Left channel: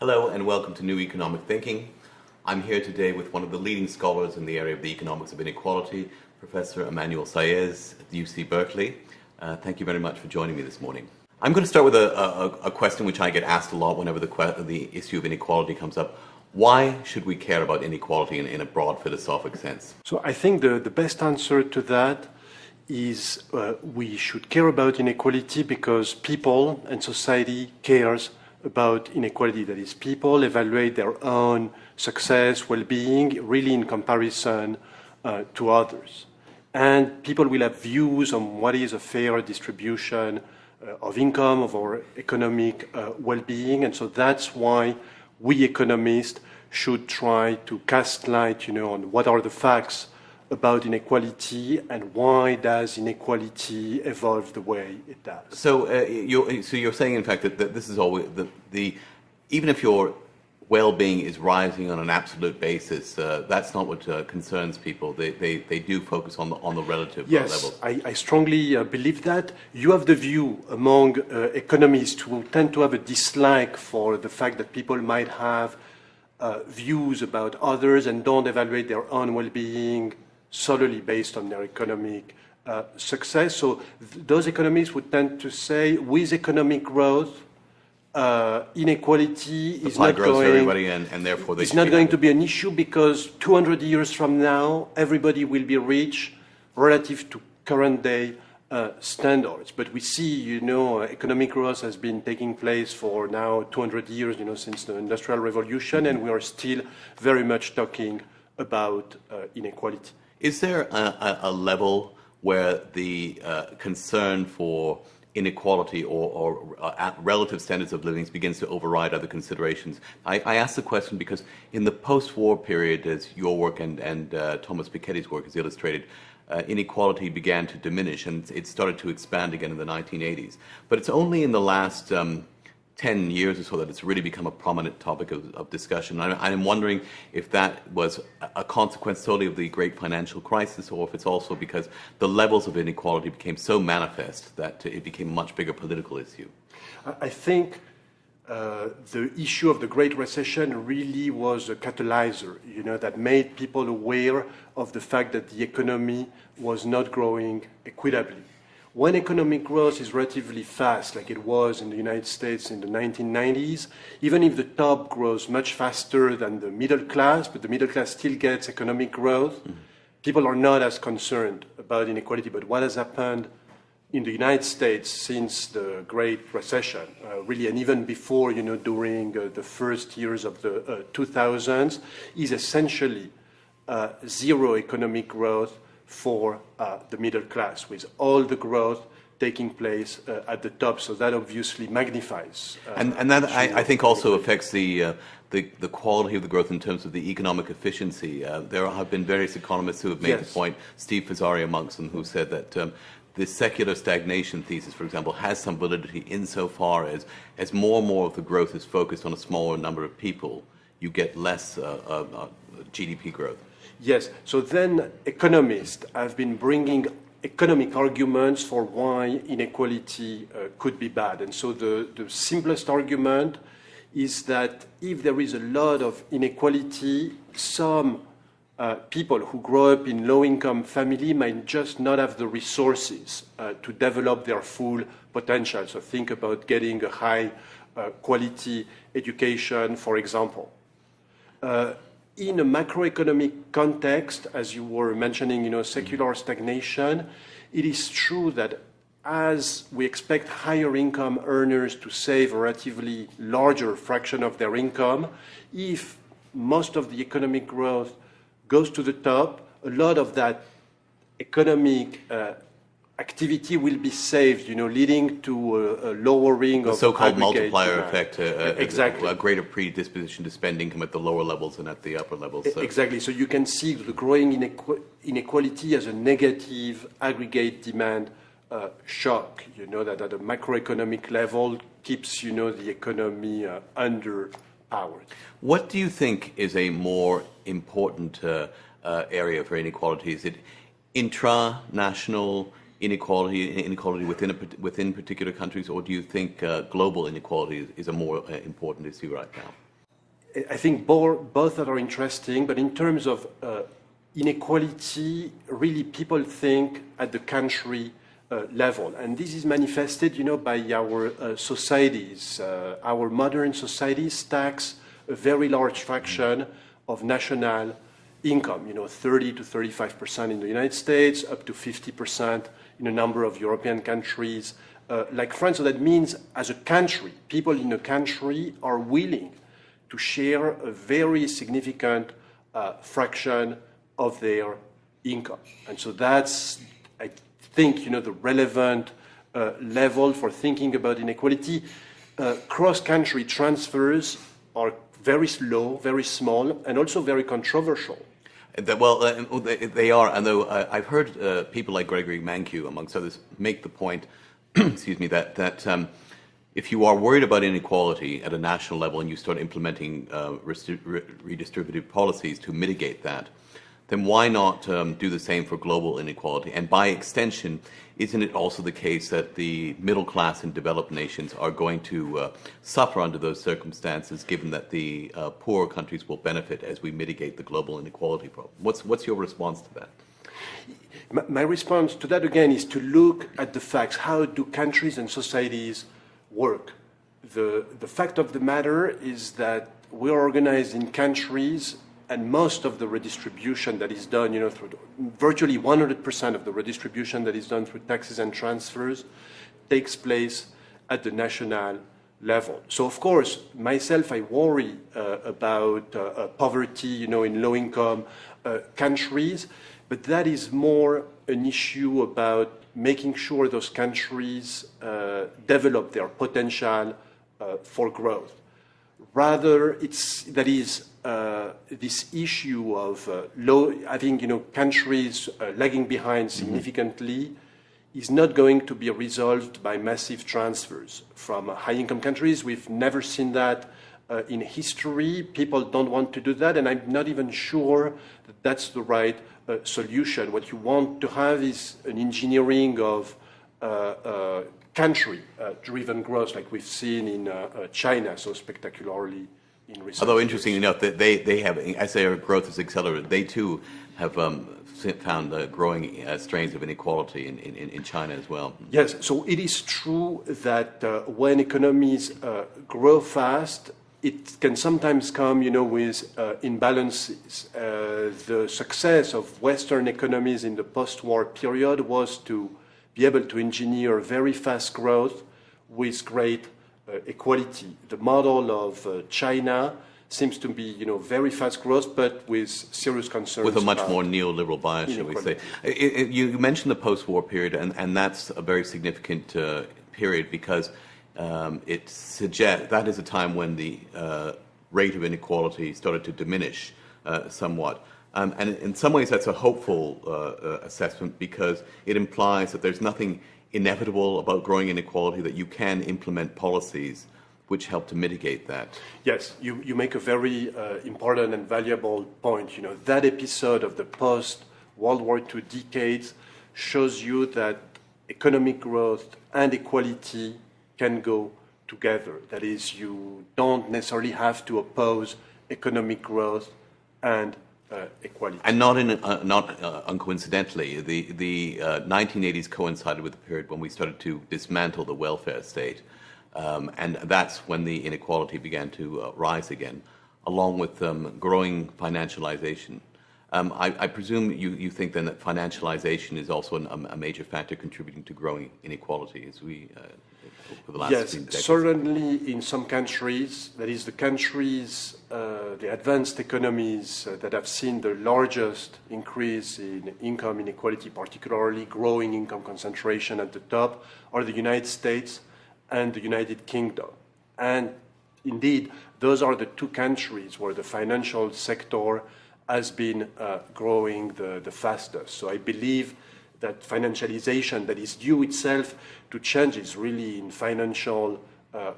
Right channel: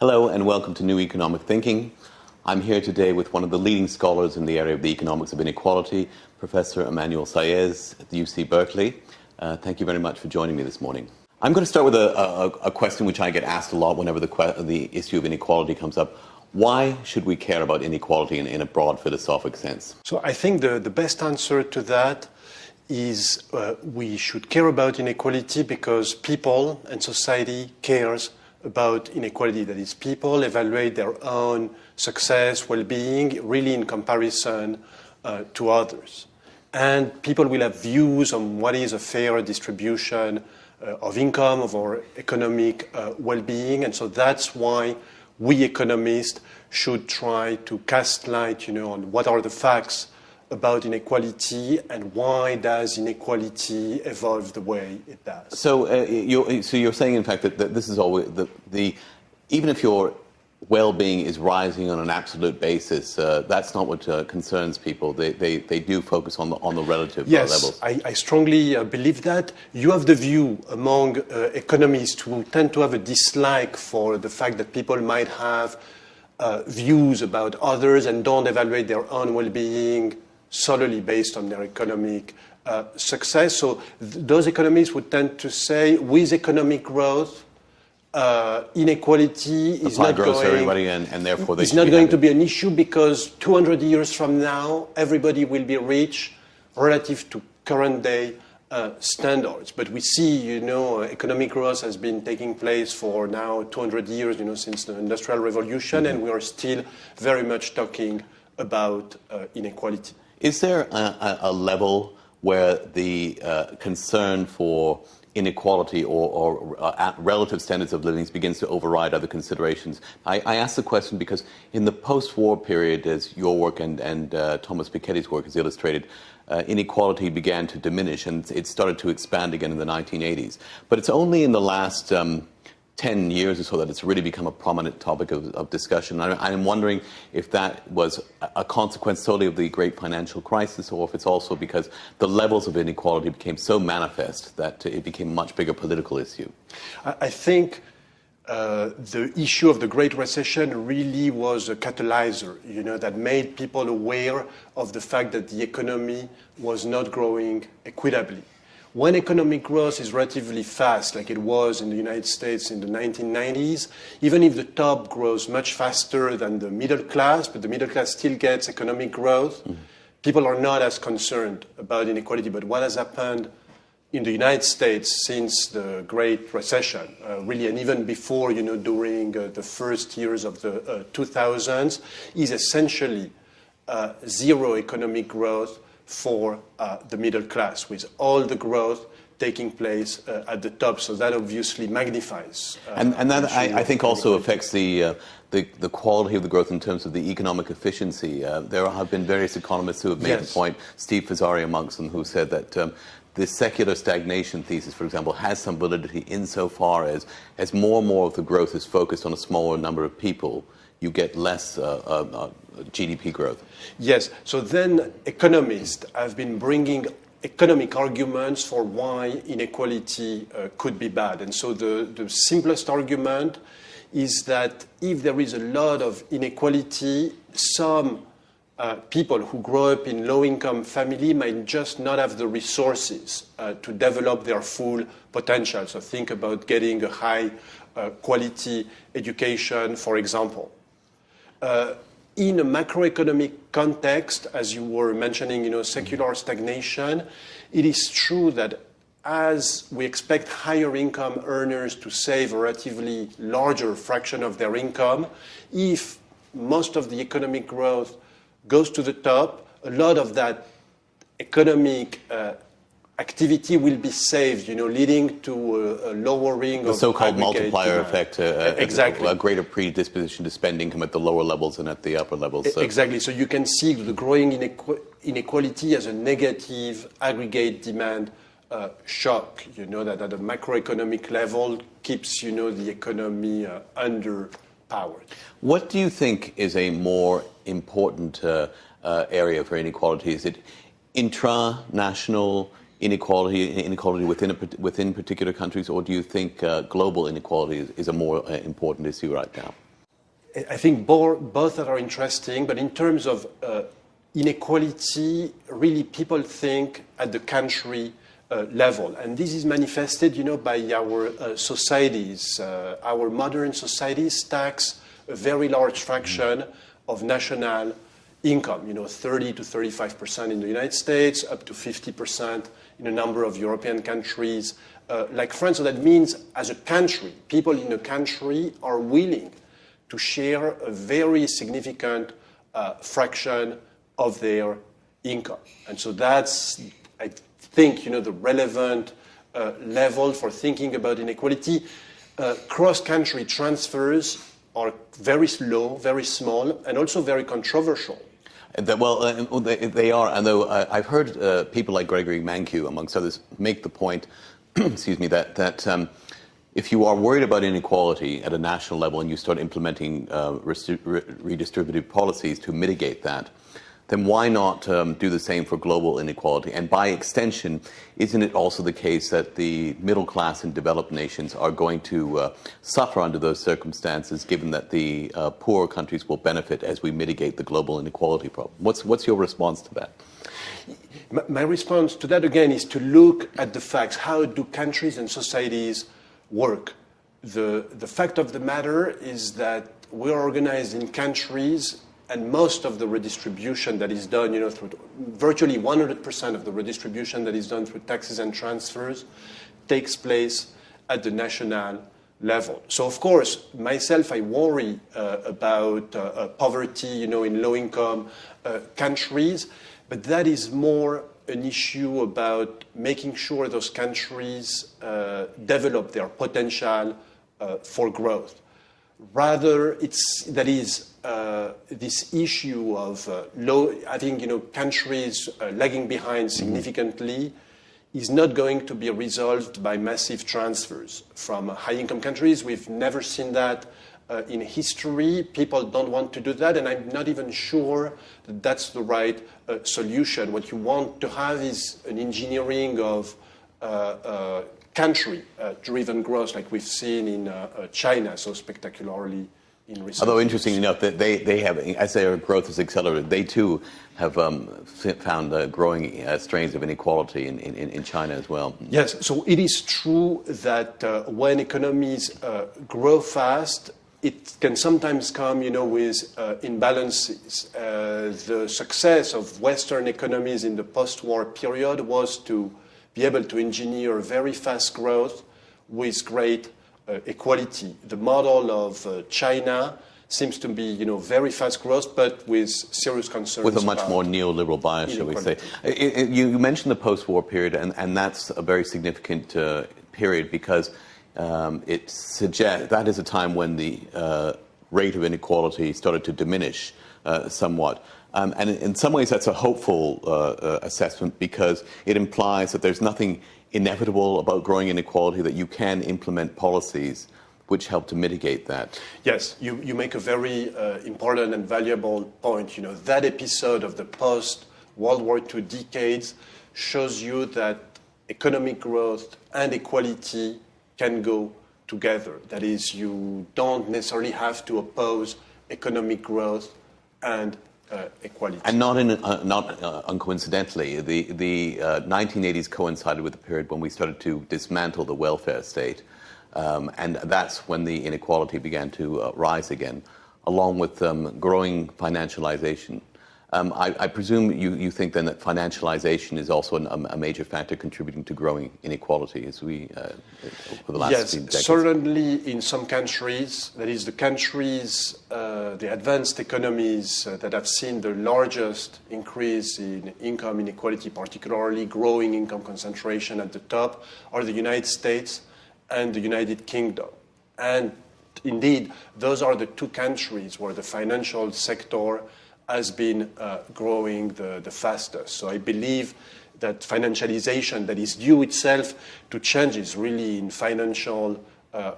Hello and welcome to New Economic Thinking. I'm here today with one of the leading scholars in the area of the economics of inequality, Professor Emmanuel Saez at the UC Berkeley. Thank you very much for joining me this morning. I'm going to start with a question which I get asked a lot whenever the issue of inequality comes up. Why should we care about inequality in a broad philosophic sense? So I think the best answer to that is we should care about inequality because people and society cares about inequality. That is, people evaluate their own success, well-being, really in comparison to others. And people will have views on what is a fair distribution of income, of our economic well-being. And so that's why we economists should try to cast light, on what are the facts about inequality and why does inequality evolve the way it does. So you're saying, in fact, that this is always even if your well-being is rising on an absolute basis, that's not what concerns people. They do focus on the relative levels. Yes, I strongly believe that. You have the view among economists who tend to have a dislike for the fact that people might have views about others and don't evaluate their own well-being solely based on their economic success. So those economists would tend to say, with economic growth, inequality is not going to be an issue because 200 years from now, everybody will be rich relative to current day standards. But we see, economic growth has been taking place for now 200 years, since the Industrial Revolution, and we are still very much talking about inequality. Is there a level where the concern for inequality or relative standards of living begins to override other considerations? I ask the question because in the post-war period, as your work and Thomas Piketty's work has illustrated, inequality began to diminish and it started to expand again in the 1980s. But it's only in the last 10 years or so that it's really become a prominent topic of discussion. I'm wondering if that was a consequence solely of the great financial crisis or if it's also because the levels of inequality became so manifest that it became a much bigger political issue. I think the issue of the Great Recession really was a catalyzer, that made people aware of the fact that the economy was not growing equitably. When economic growth is relatively fast, like it was in the United States in the 1990s, even if the top grows much faster than the middle class, but the middle class still gets economic growth, people are not as concerned about inequality. But what has happened in the United States since the Great Recession, really, and even before, during the first years of the 2000s, is essentially zero economic growth for the middle class, with all the growth taking place at the top. So that obviously magnifies. And that, I think, also affects the quality of the growth in terms of the economic efficiency. There have been various economists who have made the point, Steve Fazari amongst them, who said that the secular stagnation thesis, for example, has some validity insofar as more and more of the growth is focused on a smaller number of people, you get less GDP growth. Yes, so then economists have been bringing economic arguments for why inequality could be bad. And so the simplest argument is that if there is a lot of inequality, some people who grow up in low-income family might just not have the resources to develop their full potential. So think about getting a high-quality education, for example. In a macroeconomic context, as you were mentioning, secular stagnation, it is true that as we expect higher income earners to save a relatively larger fraction of their income, if most of the economic growth goes to the top, a lot of that economic activity will be saved, leading to a lowering of the so-called multiplier effect, exactly. A greater predisposition to spend income at the lower levels and at the upper levels. So. Exactly. So you can see the growing inequality as a negative aggregate demand shock, that at a macroeconomic level keeps, the economy underpowered. What do you think is a more important area for inequality? Is it intra-national inequality within particular countries, or do you think global inequality is a more important issue right now? I think both are interesting, but in terms of inequality, really people think at the country level. And this is manifested, by our societies. Our modern societies tax a very large fraction of national income, 30 to 35% in the United States, up to 50% in a number of European countries like France. So that means as a country, people in a country are willing to share a very significant fraction of their income. And so that's, I think, the relevant level for thinking about inequality. Cross-country transfers are very slow, very small, and also very controversial. Well, they are, and though I've heard people like Gregory Mankiw, amongst others, make the point, excuse me, that if you are worried about inequality at a national level and you start implementing redistributive policies to mitigate that, then why not do the same for global inequality? And by extension, isn't it also the case that the middle class in developed nations are going to suffer under those circumstances, given that the poorer countries will benefit as we mitigate the global inequality problem? What's your response to that? My response to that, again, is to look at the facts. How do countries and societies work? The fact of the matter is that we're organized in countries, and most of the redistribution that is done, through virtually 100% of the redistribution that is done through taxes and transfers takes place at the national level. So, of course, myself, I worry about poverty, in low-income countries, but that is more an issue about making sure those countries develop their potential for growth. Rather, this issue of countries lagging behind significantly is not going to be resolved by massive transfers from high-income countries. We've never seen that in history. People don't want to do that, and I'm not even sure that that's the right solution. What you want to have is an engineering of country-driven growth, like we've seen in China so spectacularly in recent Although, years. interestingly enough, that they have, as their growth has accelerated, they too have found growing strains of inequality in China as well. Yes, so it is true that when economies grow fast, it can sometimes come, with imbalances. The success of Western economies in the post-war period was to be able to engineer very fast growth with great equality. The model of China seems to be, very fast growth, but with serious concerns. With a much more neoliberal bias, shall we say. You mentioned the post-war period, and that's a very significant period because it suggests that is a time when the rate of inequality started to diminish somewhat. And in some ways, that's a hopeful assessment because it implies that there's nothing inevitable about growing inequality, that you can implement policies which help to mitigate that. Yes, you make a very important and valuable point. That episode of the post-World War II decades shows you that economic growth and equality can go together. That is, you don't necessarily have to oppose economic growth and equality. And not uncoincidentally, the 1980s coincided with the period when we started to dismantle the welfare state. And that's when the inequality began to rise again, along with growing financialization. I presume you think then that financialization is also a major factor contributing to growing inequality as we over the last few decades. Yes, certainly in some countries, that is the countries, the advanced economies that have seen the largest increase in income inequality, particularly growing income concentration at the top, are the United States and the United Kingdom. And indeed, those are the two countries where the financial sector has been growing the fastest. So I believe that financialization that is due itself to changes really in financial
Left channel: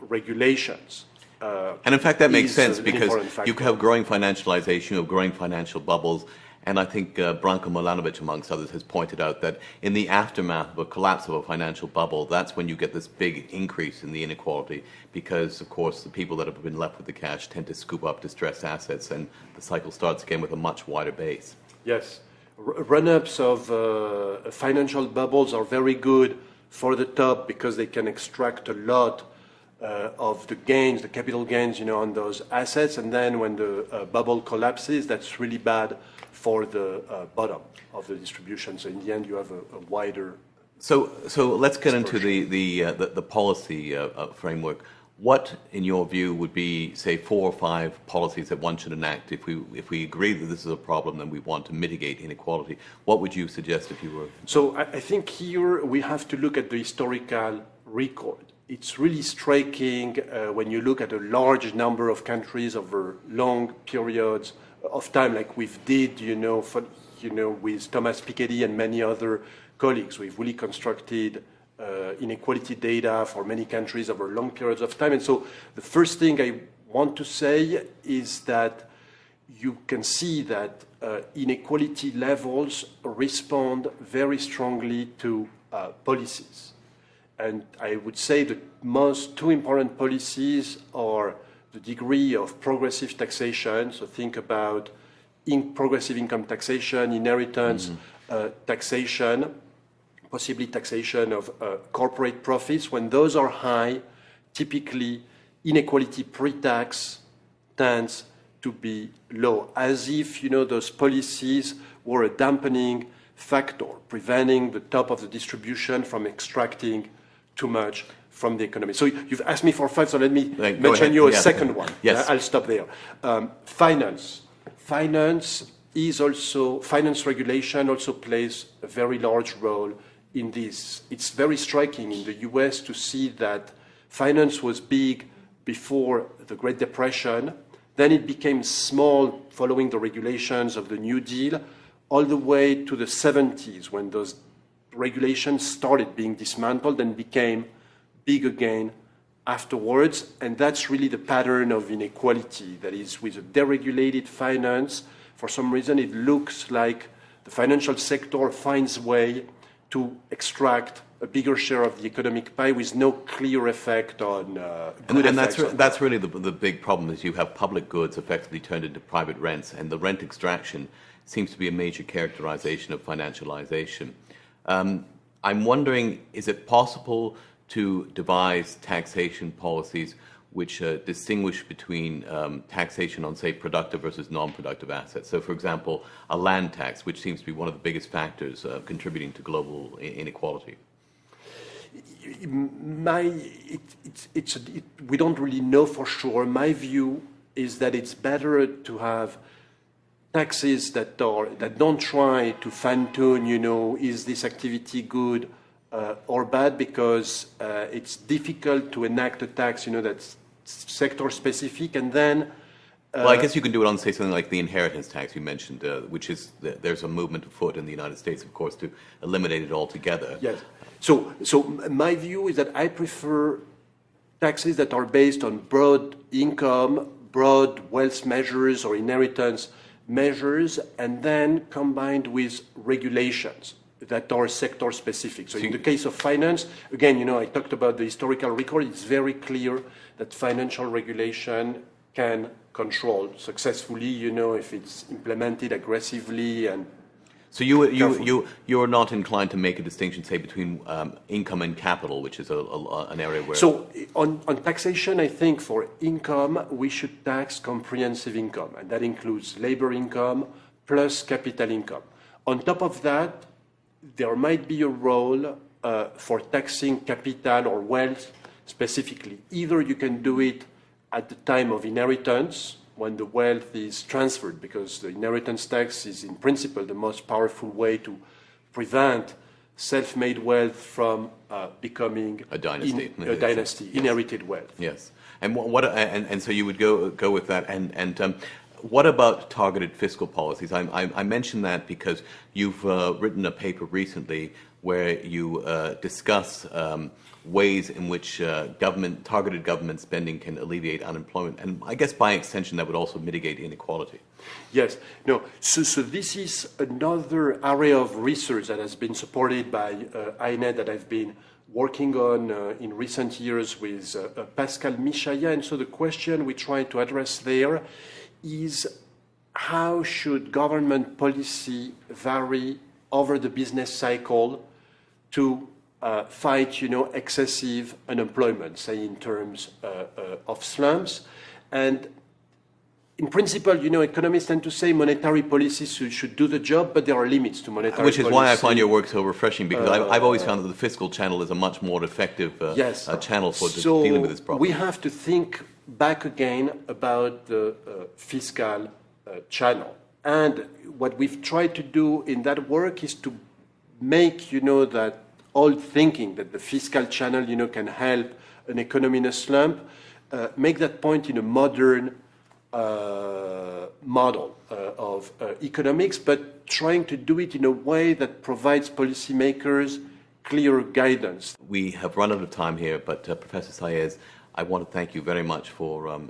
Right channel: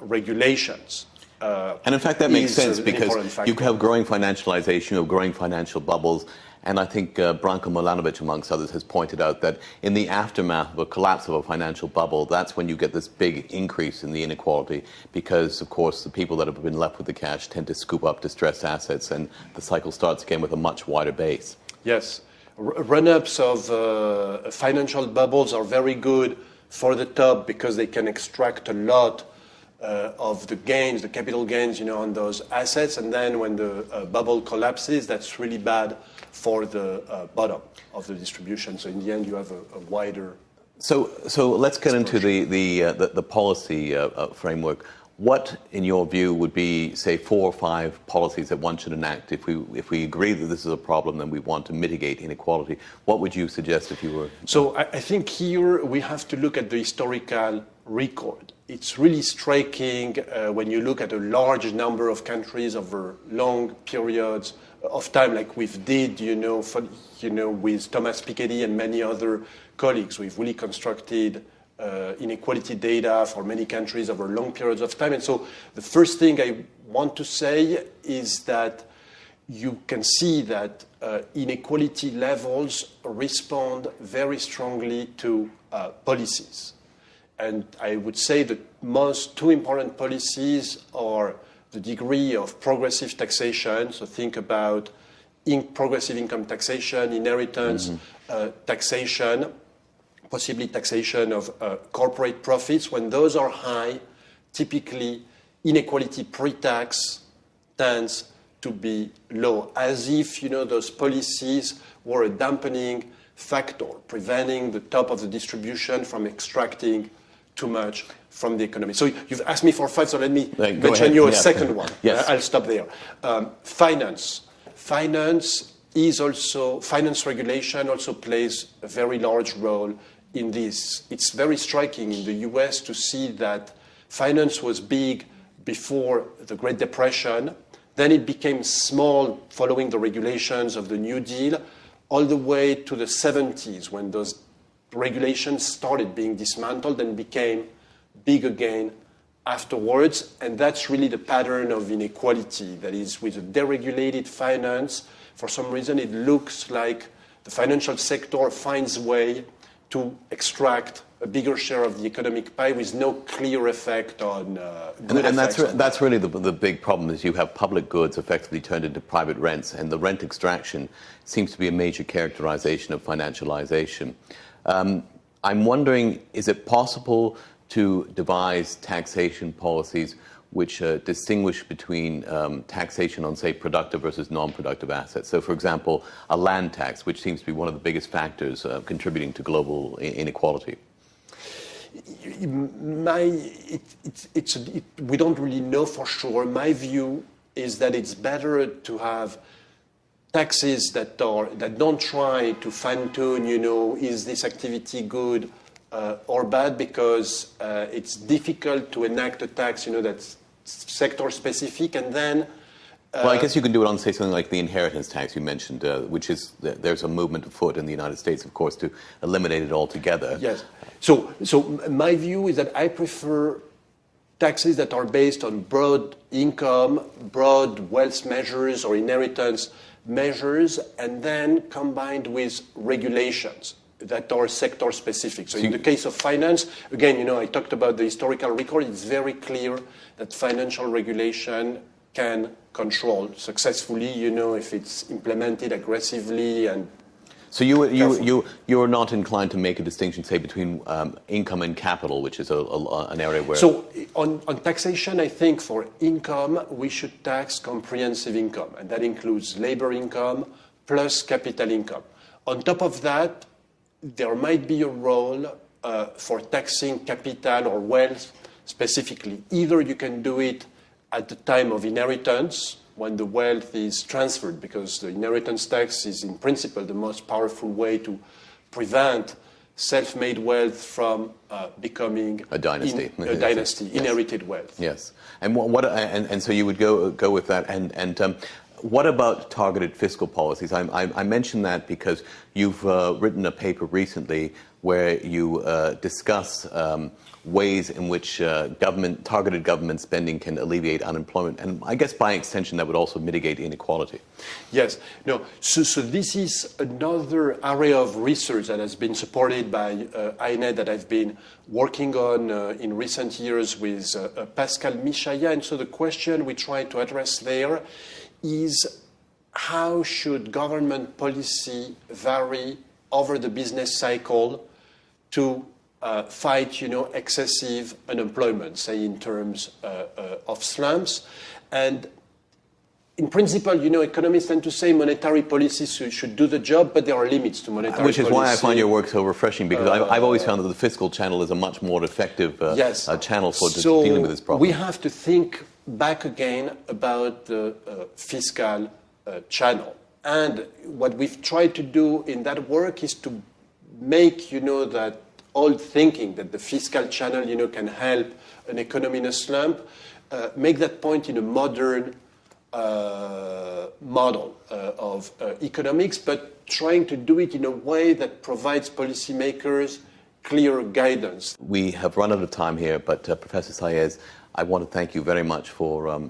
regulations. And in fact, that makes sense because you have growing financialization, you have growing financial bubbles, And I think Branko Milanovic, amongst others, has pointed out that in the aftermath of a collapse of a financial bubble, that's when you get this big increase in the inequality because, of course, the people that have been left with the cash tend to scoop up distressed assets and the cycle starts again with a much wider base. Yes. Run-ups of financial bubbles are very good for the top because they can extract a lot of the gains, the capital gains, on those assets. And then when the bubble collapses, that's really bad for the bottom of the distribution. So in the end, you have a wider. So let's get into the policy framework. What, in your view, would be, say, 4 or 5 policies that one should enact if we agree that this is a problem and we want to mitigate inequality? What would you suggest if you were? So I think here we have to look at the historical record. It's really striking when you look at a large number of countries over long periods of time, like we've did, with Thomas Piketty and many other colleagues. We've really constructed inequality data for many countries over long periods of time. And so the first thing I want to say is that you can see that inequality levels respond very strongly to policies. And I would say the two important policies are the degree of progressive taxation. So think about progressive income taxation, inheritance taxation, possibly taxation of corporate profits. When those are high, typically inequality pre-tax tends to be low, as if those policies were a dampening factor, preventing the top of the distribution from extracting too much from the economy. So you've asked me for 5, so let me mention you a second one. Yes. I'll stop there. Finance regulation also plays a very large role in this. It's very striking in the US to see that finance was big before the Great Depression, then it became small following the regulations of the New Deal, all the way to the 70s when those regulations started being dismantled and became big again afterwards. And that's really the pattern of inequality. That is, with a deregulated finance, for some reason it looks like the financial sector finds a way to extract a bigger share of the economic pie with no clear effect on good effects. And that's really the big problem is you have public goods effectively turned into private rents, and the rent extraction seems to be a major characterization of financialization. I'm wondering, is it possible to devise taxation policies which distinguish between taxation on, say, productive versus non-productive assets? So, for example, a land tax, which seems to be one of the biggest factors contributing to global inequality. We don't really know for sure. My view is that it's better to have taxes that don't try to fine-tune, is this activity good or bad, because it's difficult to enact a tax, that's sector-specific, and then... Well, I guess you could do it on, say, something like the inheritance tax you mentioned, which is, there's a movement afoot in the United States, of course, to eliminate it altogether. Yes. So my view is that I prefer taxes that are based on broad income, broad wealth measures or inheritance measures, and then combined with regulations that are sector specific. So in the case of finance, again, I talked about the historical record. It's very clear that financial regulation can control successfully, if it's implemented aggressively. And so you're not inclined to make a distinction, say, between income and capital, which is an area where... So on taxation, I think for income, we should tax comprehensive income, and that includes labor income plus capital income. On top of that, there might be a role for taxing capital or wealth specifically. Either you can do it at the time of inheritance, when the wealth is transferred, because the inheritance tax is in principle the most powerful way to prevent self-made wealth from becoming a dynasty. Yes. Inherited wealth. Yes, and so you would go with that. And what about targeted fiscal policies? I mention that because you've written a paper recently where you discuss ways in which targeted government spending can alleviate unemployment. And I guess by extension, that would also mitigate inequality. Yes. No. So this is another area of research that has been supported by INT that I've been working on in recent years with Pascal Michaya. And so the question we try to address there is how should government policy vary over the business cycle to fight, excessive unemployment, say in terms of slums. And in principle, economists tend to say monetary policies should do the job, but there are limits to monetary policy. Which is why I find your work so refreshing, because I've always found that the fiscal channel is a much more effective channel for dealing with this problem. We have to think back again about the fiscal channel. And what we've tried to do in that work is to make, that old thinking that the fiscal channel, can help an economy in a slump, make that point in a modern model of economics, but trying to do it in a way that provides policymakers clear guidance. We have run out of time here, but Professor Saez, I want to thank you very much for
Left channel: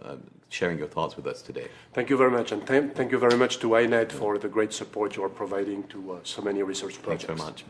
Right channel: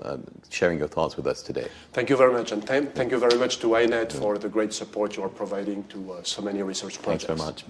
sharing your thoughts with us today. Thank you very much, and thank you very much to INT for the great support you are providing to so many research projects. Thanks very much.